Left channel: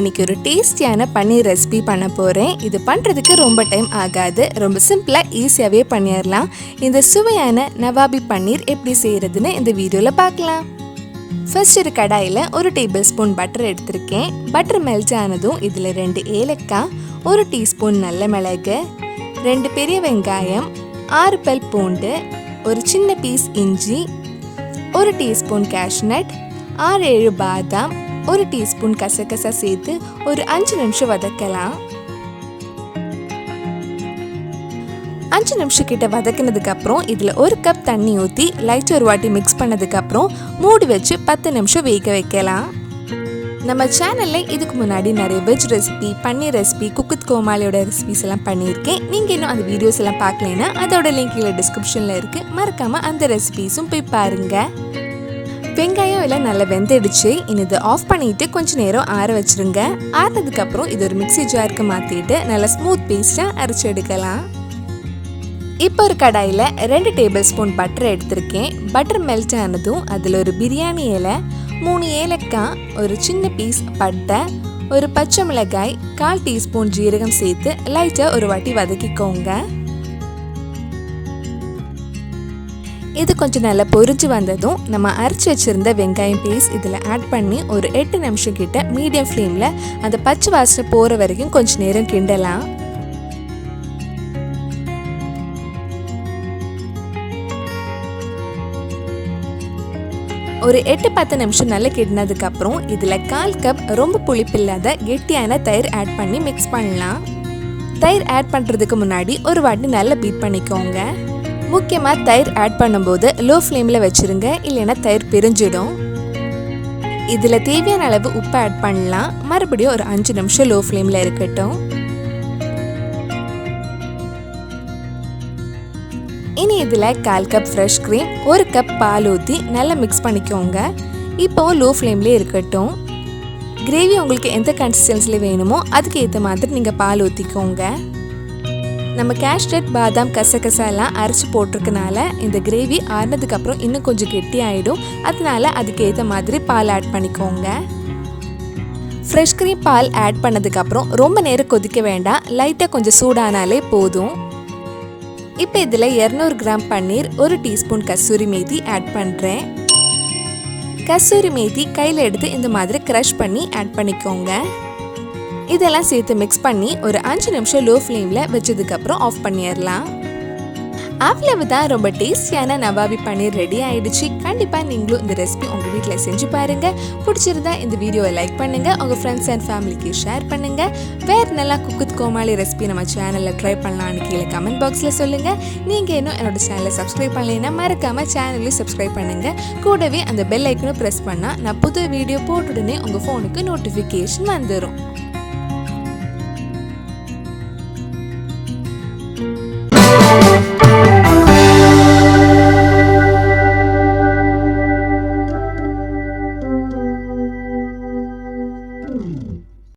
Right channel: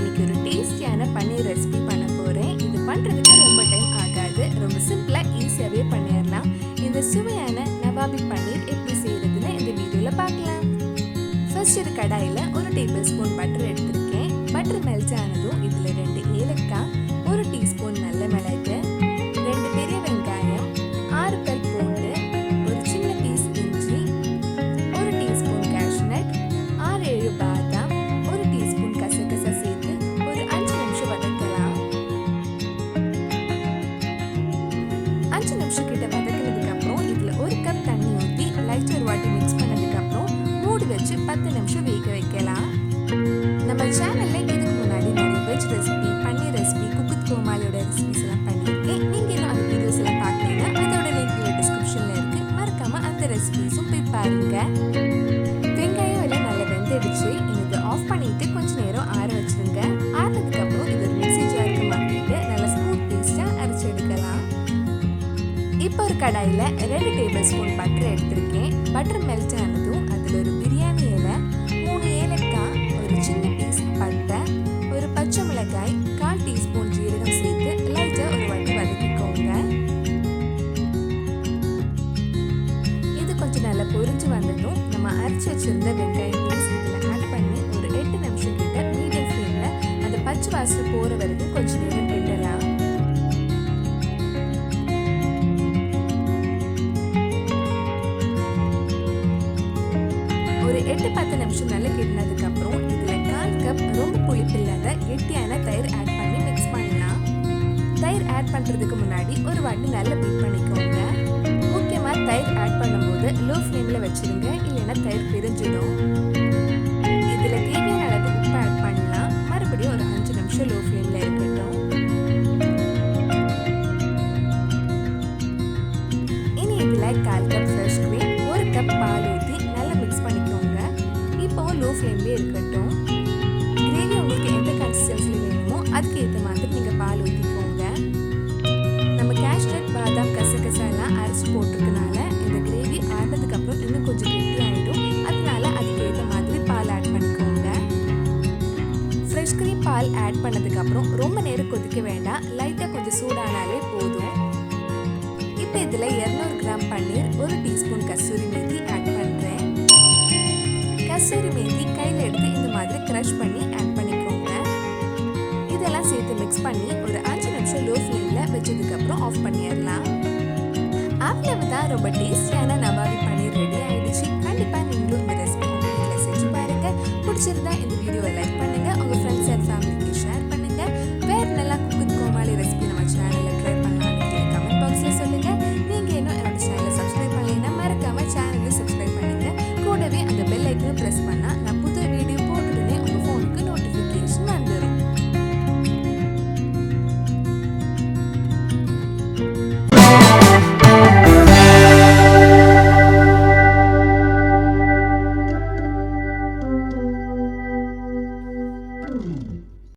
இன்னைக்கு ஒரு டேஸ்டியான பன்னீர் ரெசிபி பண்ண போகிறேன். இது பண்ணுறதுக்கு ரொம்ப டைம் ஆகாது, ரொம்ப சிம்பிளாக ஈஸியாகவே பண்ணிடலாம். இந்த சுவையான நவாபி பன்னீர் எப்படி செய்கிறதுன்னு இந்த வீடியோவில் பார்க்கலாம். ஃபர்ஸ்ட் ஒரு கடாயில் 1 டேபிள் ஸ்பூன் பட்டர் எடுத்திருக்கேன். பட்டர் மெல்ட் ஆனதும் இதில் 2 ஏலக்காய், 1 டீஸ்பூன் நல்ல மிளகு, 2 பெரிய வெங்காயம், 6 பல் பூண்டு, ஒரு சின்ன பீஸ் இஞ்சி, 1 டீஸ்பூன் கேஷ்நட், 6-7 பாதாம், 1 டீஸ்பூன் கசகசா சேர்த்து ஒரு 5 நிமிஷம் வதக்கலாம். 5 நிமிஷம் கிட்ட வதக்கினதுக்கு அப்புறம் இதில் 1 கப் தண்ணி ஊற்றி லைட்டாக ஒரு வாட்டி மிக்ஸ் பண்ணதுக்கு அப்புறம் மூடி வச்சு 10 நிமிஷம் வேக வைக்கலாம். நம்ம சேனலில் இதுக்கு முன்னாடி நிறைய veg recipe, paneer recipe, cook with கோமாளியோட ரெசிபிஸ் எல்லாம் பண்ணியிருக்கேன். நீங்கள் இன்னும் அந்த வீடியோஸ் எல்லாம் பார்க்கலைன்னா அதோட லிங்க் கீழே டிஸ்கிரிப்ஷனில் இருக்குது. மறக்காமல் அந்த ரெசிபிஸும் போய் பாருங்கள். வெங்காயம் எல்லாம் நல்லா வெந்துடுச்சு. இனி இதை ஆஃப் பண்ணிட்டு கொஞ்சம் நேரம் ஆற வச்சிருங்க. ஆறினதுக்கப்புறம் இது ஒரு மிக்ஸி ஜாருக்கு மாற்றிட்டு நல்லா ஸ்மூத் பேஸ்ட்டாக அரைச்சி எடுக்கலாம். இப்போ ஒரு கடாயில் 2 டேபிள் ஸ்பூன் பட்டர் எடுத்திருக்கேன். பட்டர் மெல்ட் ஆனதும் அதில் ஒரு பிரியாணி இலை, 3 ஏலக்காய், ஒரு சின்ன பீஸ் பட்டை, ஒரு பச்சை மிளகாய், 1/4 டீஸ்பூன் ஜீரகம் சேர்த்து லைட்டாக ஒரு வாட்டி வதக்கிக்கோங்க. இது கொஞ்சம் நல்லா பொரிஞ்சு வந்ததும் நம்ம அரைச்சி வச்சிருந்த வெங்காயம் பீஸ் இதில் ஆட் பண்ணி ஒரு 8 நிமிஷம் கிட்ட மீடியம் ஃப்ளேமில் அந்த பச்சை வாசனை போகிற வரைக்கும் கொஞ்சம் நேரம் கிண்டலாம். ஒரு 8-10 நிமிஷம் நல்லா கிண்டினதுக்கு அப்புறம் இதில் 1/4 கப் ரொம்ப புளிப்பில்லாத கெட்டியான தயிர் ஆட் பண்ணி மிக்ஸ் பண்ணலாம். தயிர் ஆட் பண்ணுறதுக்கு முன்னாடி ஒரு வாட்டி நல்லா பீட் பண்ணிக்கோங்க. முக்கியமாக தயிர் ஆட் பண்ணும்போது லோ ஃப்ளேமில் வச்சுருங்க, இல்லைன்னா தயிர் பிரிஞ்சிடும். இதில் தேவையான அளவு உப்பு ஆட் பண்ணலாம். மறுபடியும் ஒரு 5 நிமிஷம் லோ ஃப்ளேமில் இருக்கட்டும். இனி இதில் 1/4 கப் ஃப்ரெஷ் க்ரீம், 1 கப் பால் ஊற்றி நல்லா மிக்ஸ் பண்ணிக்கோங்க. இப்போவும் லோ ஃப்ளேம்லேயே இருக்கட்டும். கிரேவி உங்களுக்கு எந்த கன்சிஸ்டன்சியில் வேணுமோ அதுக்கு ஏற்ற மாதிரி நீங்கள் பால் ஊற்றிக்கோங்க. நம்ம கேஷ்நட், பாதாம், கசகசா எல்லாம் அரைச்சி போட்டிருக்கனால இந்த கிரேவி ஆறினதுக்கப்புறம் இன்னும் கொஞ்சம் கெட்டி ஆகிடும். அதனால அதுக்கு ஏற்ற மாதிரி பால் ஆட் பண்ணிக்கோங்க. ஃப்ரெஷ் க்ரீம் பால் ஆட் பண்ணதுக்கப்புறம் ரொம்ப நேரம் கொதிக்க வேண்டாம், லைட்டாக கொஞ்சம் சூடானாலே போதும். இப்போ இதில் 200 கிராம் பன்னீர், 1 டீஸ்பூன் கஸ்தூரி மேத்தி ஆட் பண்ணுறேன். கஸ்தூரி மேத்தி கையில் எடுத்து இந்த மாதிரி க்ரஷ் பண்ணி ஆட் பண்ணிக்கோங்க. இதெல்லாம் சேர்த்து மிக்ஸ் பண்ணி ஒரு 5 நிமிஷம் லோ ஃப்ளேமில் வச்சதுக்கப்புறம் ஆஃப் பண்ணிடலாம். அவ்வளவுதான், ரொம்ப டேஸ்டியான நவாபி பன்னீர் ரெடி ஆயிடுச்சு. கண்டிப்பாக நீங்களும் இந்த ரெசிபி உங்கள் வீட்டில் செஞ்சு பாருங்கள். பிடிச்சிருந்தா இந்த வீடியோவை லைக் பண்ணுங்கள், உங்கள் ஃப்ரெண்ட்ஸ் அண்ட் ஃபேமிலிக்கு ஷேர் பண்ணுங்கள். வேறு நல்லா குக் வித் கோமாளி ரெசிபி நம்ம சேனலில் ட்ரை பண்ணலான்னு கீழே கமெண்ட் பாக்ஸில் சொல்லுங்கள். நீங்கள் இன்னும் என்னோட சேனலை சப்ஸ்கிரைப் பண்ணலைன்னா மறக்காமல் சேனலையும் சப்ஸ்கிரைப் பண்ணுங்கள். கூடவே அந்த பெல் ஐக்கனும் ப்ரெஸ் பண்ணால் நான் புது வீடியோ போட்டுடனே உங்கள் ஃபோனுக்கு நோட்டிஃபிகேஷன் வந்துடும்.